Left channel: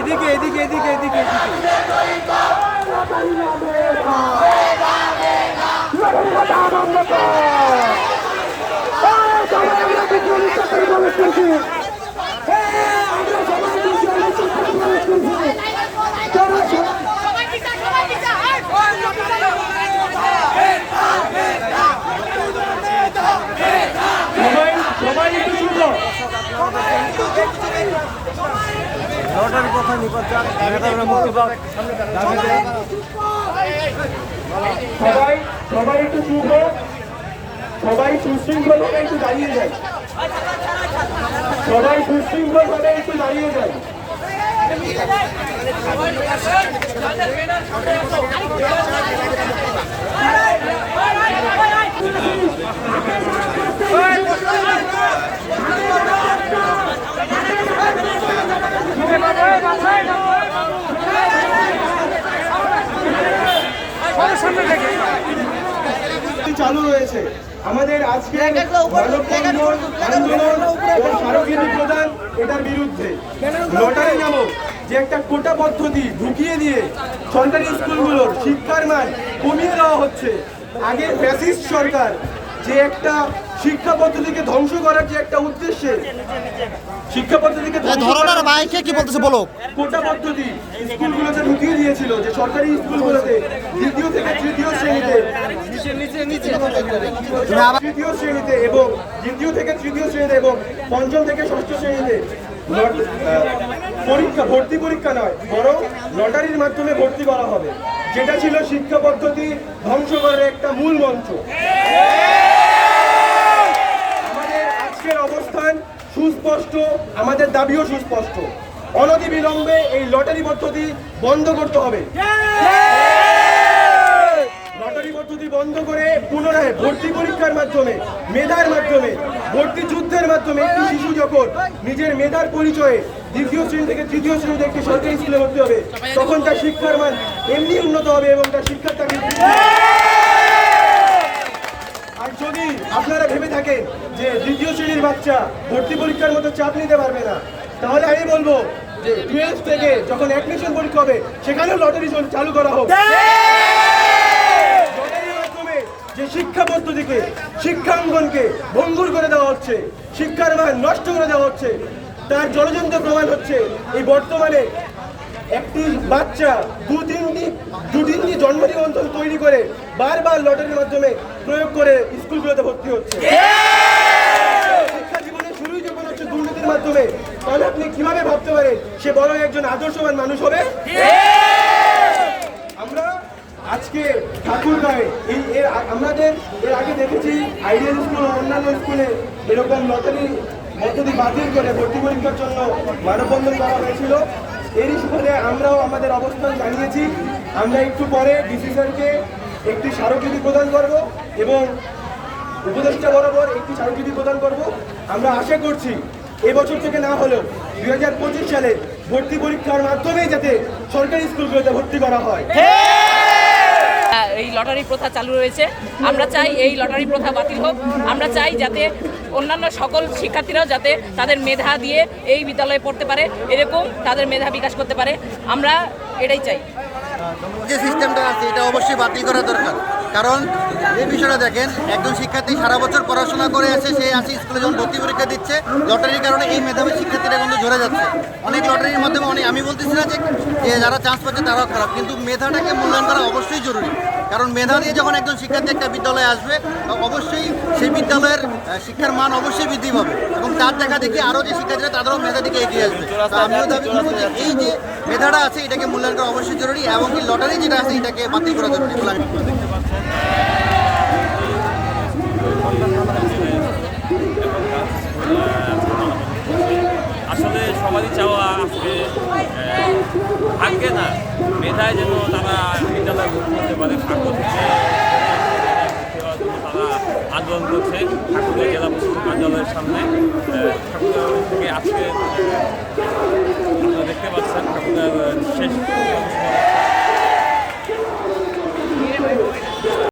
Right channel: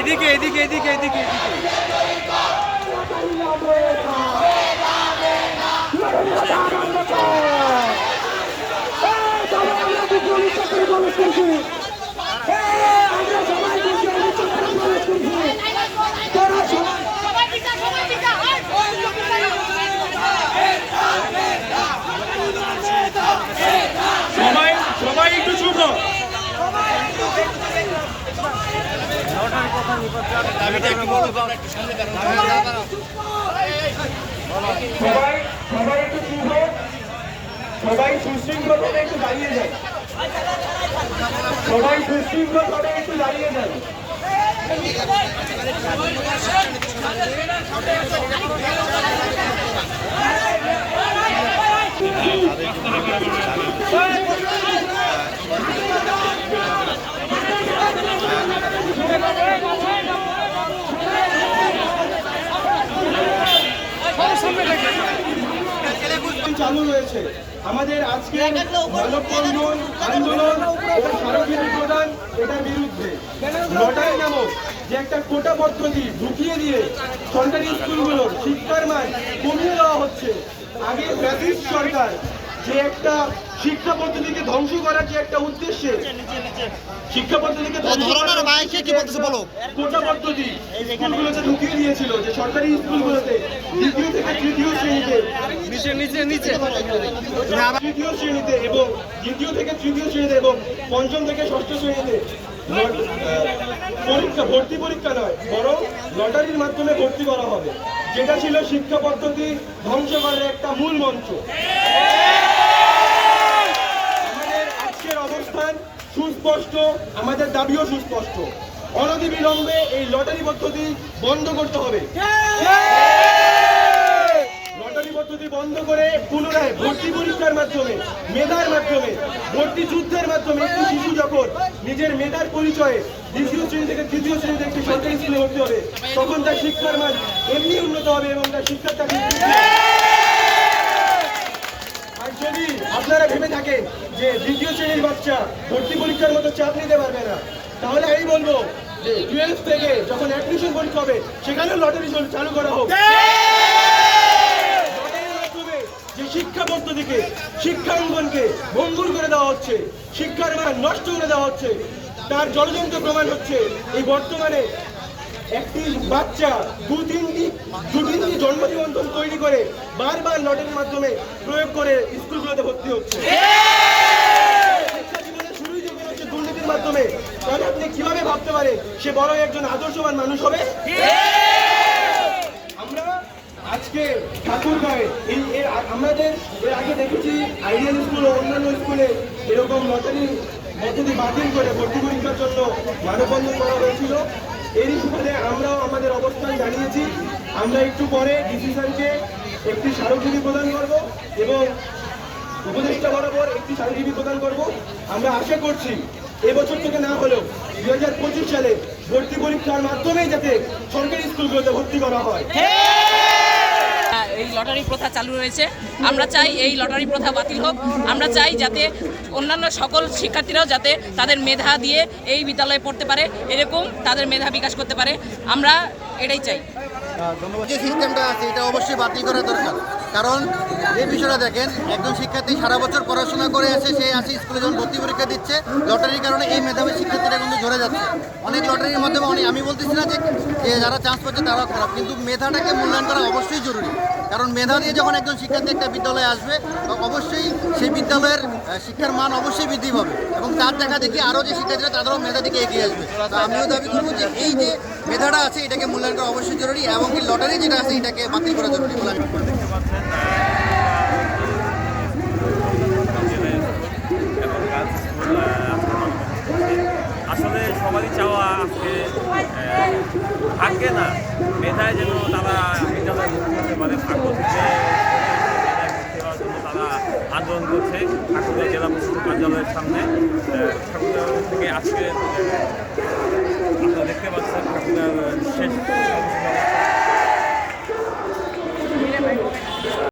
এদিকে এদিকে এদিকে এদিকে সবাই একটু শুভ সবাই একটু চুপ সবাই সুশৃঙ্খল ভাবে একটু দাঁড়িয়ে যায় সবাই সুশৃঙ্খল ভাবে একটু দাঁড়িয়ে যায় চালু রয়েছে আমাদের আজকে মানববন্ধন আন্দোলন ও স্মারকলিপি প্রদান এটার বিরুদ্ধে লটারি নামক যে একটা কোটা পদ্ধতি ঢুকিয়ে দিয়ে সরকারি স্কুলগুলোর শিক্ষার মান কমিয়ে দেওয়া হচ্ছে। আগে ফ্যাসিস্ট সরকার যে একটা শিক্ষা পদ্ধতিকে ধ্বংস করার যে একটা উদ্দেশ্যে শিক্ষা পদ্ধতিকে কোটা পদ্ধতি স্কুলগুলোতে ঢুকিয়ে দিয়েছিল, যে সরকারি স্কুলগুলোতে দ্বিতীয় থেকে তৃতীয় শ্রেণীতে এবং দ্বিতীয় থেকে তৃতীয় শ্রেণীতে এবং পঞ্চম থেকে ষষ্ঠ শ্রেণীতে ভর্তি পরীক্ষা নয় বরং লটারির মাধ্যমে ভর্তি করা হবে, যেটা ছিল শিক্ষা পদ্ধতি ধ্বংস করার একটা মূল মঞ্চ। আমাদের আজকের অবস্থান সুস্পষ্ট, আমাদের দাবিও সুস্পষ্ট। অনতিবিলম্বে এই লটারি পদ্ধতি বন্ধ করতে হবে। লটারি পদ্ধতি বন্ধ করে পুনরায় ভর্তি পরীক্ষার মাধ্যমে, মেধার মাধ্যমে, ভর্তি যুদ্ধের মাধ্যমে একটি শিশু যখন নিজের মেধার পরিচয়ে দ্বিতীয় শ্রেণী থেকে তৃতীয় শ্রেণীতে একটি সরকারি স্কুলে ভর্তি হবে, তখন তার শিক্ষার মান এমনি উন্নত হবে এবং তার শিক্ষার তাকে। আর যদি আপনারা ভেবে থাকেন যে দ্বিতীয় শ্রেণীর বাচ্চা ভর্তি পরীক্ষার মতো চাপ নিতে পারবে না, তাহলে আমি বলবো যে 12 থেকে যখন অ্যাডমিশন পরীক্ষা হবে সেখানেও লটারি চালু করা হোক। লটারির মাধ্যমে যে শিক্ষা পদ্ধতিকে, শিক্ষাঙ্গনকে ভঙ্গুর করে দেওয়া হচ্ছে, শিক্ষার মান নষ্ট করে দেওয়া হচ্ছে, তার জলজন্ত প্রমাণ হচ্ছে এই বর্তমানে একটি বাচ্চা দুদিনটি জন্ম নিবন্ধন তৈরি করে বারবার লটারির মাধ্যমে প্রয়োগ করে স্কুলগুলোতে ভর্তি হচ্ছে। শিক্ষা জীবনের শুরুই যখন হচ্ছে দুর্নীতির মাধ্যমে, তাহলে আপনি কিভাবে ভাবতে পারেন সে বড় একজন আদর্শবান মানুষ হবে? আমরা আজকে ঠাকুরগাঁয়ে আমাদের এর আগে দেখেছি আইডিয়াল স্কুল ও অন্যান্য স্কুলে এরকম লটারি পদ্ধতি বাতিল করে ভর্তি পরীক্ষার জন্য মানববন্ধন করা হয়েছিল। এরই সুবাদে আমরাও আমাদের অবস্থান জানিয়েছি। আমরা একটু পরে ডিসি স্যারকে একটি স্মারকলিপি প্রদান করব এবং উপদেষ্টা বরাবর একটি স্মারকলিপি প্রদান করব। আমরা আশা করছি এবছর থেকে না হলেও 2025 সালে ভর্তি পরীক্ষার মাধ্যমেই যাতে সরকারি স্কুলগুলোতে ভর্তি করা হয়। এই লটারি প্রথা চালু রয়েছে, আমরা চাই এই লটারি প্রথা বাতিল হোক। আমরা চাই যাতে অন্যান্য সকল শিক্ষার্থীরাও যাতে তাদের মেধা দিয়ে এই বিদ্যালয়ে পড়তে পারে, এরকম তাদের মেধা বিকাশ করতে পারে, আমরা এটাই চাই। যে সিস্টেমটা আছে এটা অবশ্যই বাতিল করা দরকার, কারণ এই বিষয়টা দেখেন, একজন শিক্ষার্থী সারা বছর পড়াশোনা করে আসে, সে আসে স্কুলে যখন ভর্তি পরীক্ষা দিচ্ছে, লটারির কারণে এই মেধাবী শিক্ষার্থীরা কিন্তু ঝরে যাচ্ছে। অনেক লটারির মাধ্যমে আমি বলতেছি না যে যারা চান্স পাচ্ছে তারাও খারাপ, কিন্তু মেধাটাকে মূল্যায়ন করা অবশ্যই জরুরি। কারণ মেধা দিয়ে যখন একজন শিক্ষার্থী একটা বিদ্যালয়ে আসবে, অবশ্যই সেই বিদ্যালয়ের শিক্ষার মান অবশ্যই বৃদ্ধি পাবে এবং তার দেখা দেখি আরও যে শিক্ষার্থীরা তাদেরও মেধা দিকে এগিয়ে আসবে। তো আমিও দাবি করবো যে এই যে মেধাটা আছে এটাকে মূল্যায়ন করা অবশ্যই জরুরি এবং কি লটারি যেটা আছে এটাকে বাতিল করা জরুরি বলে আমি দেখতে পাচ্ছেন। এবং আসলে সবারই চাওয়া আজকে ভাগ্যে না, মেধায় যেন তারা বিদ্যালয়ে ভর্তি হতে পারে। ভাগ্য থেকে ভর্তি হওয়ার জন্য তারা আন্দোলন করছে ঠাকুরগাঁও জেলা পরিষদ কার্যালয়ের সামনে। ঠাকুরগাঁও থেকে আজকে আপনারা দেখতে পাচ্ছেন ঠাকুরগাঁও শেষ অবস্থা।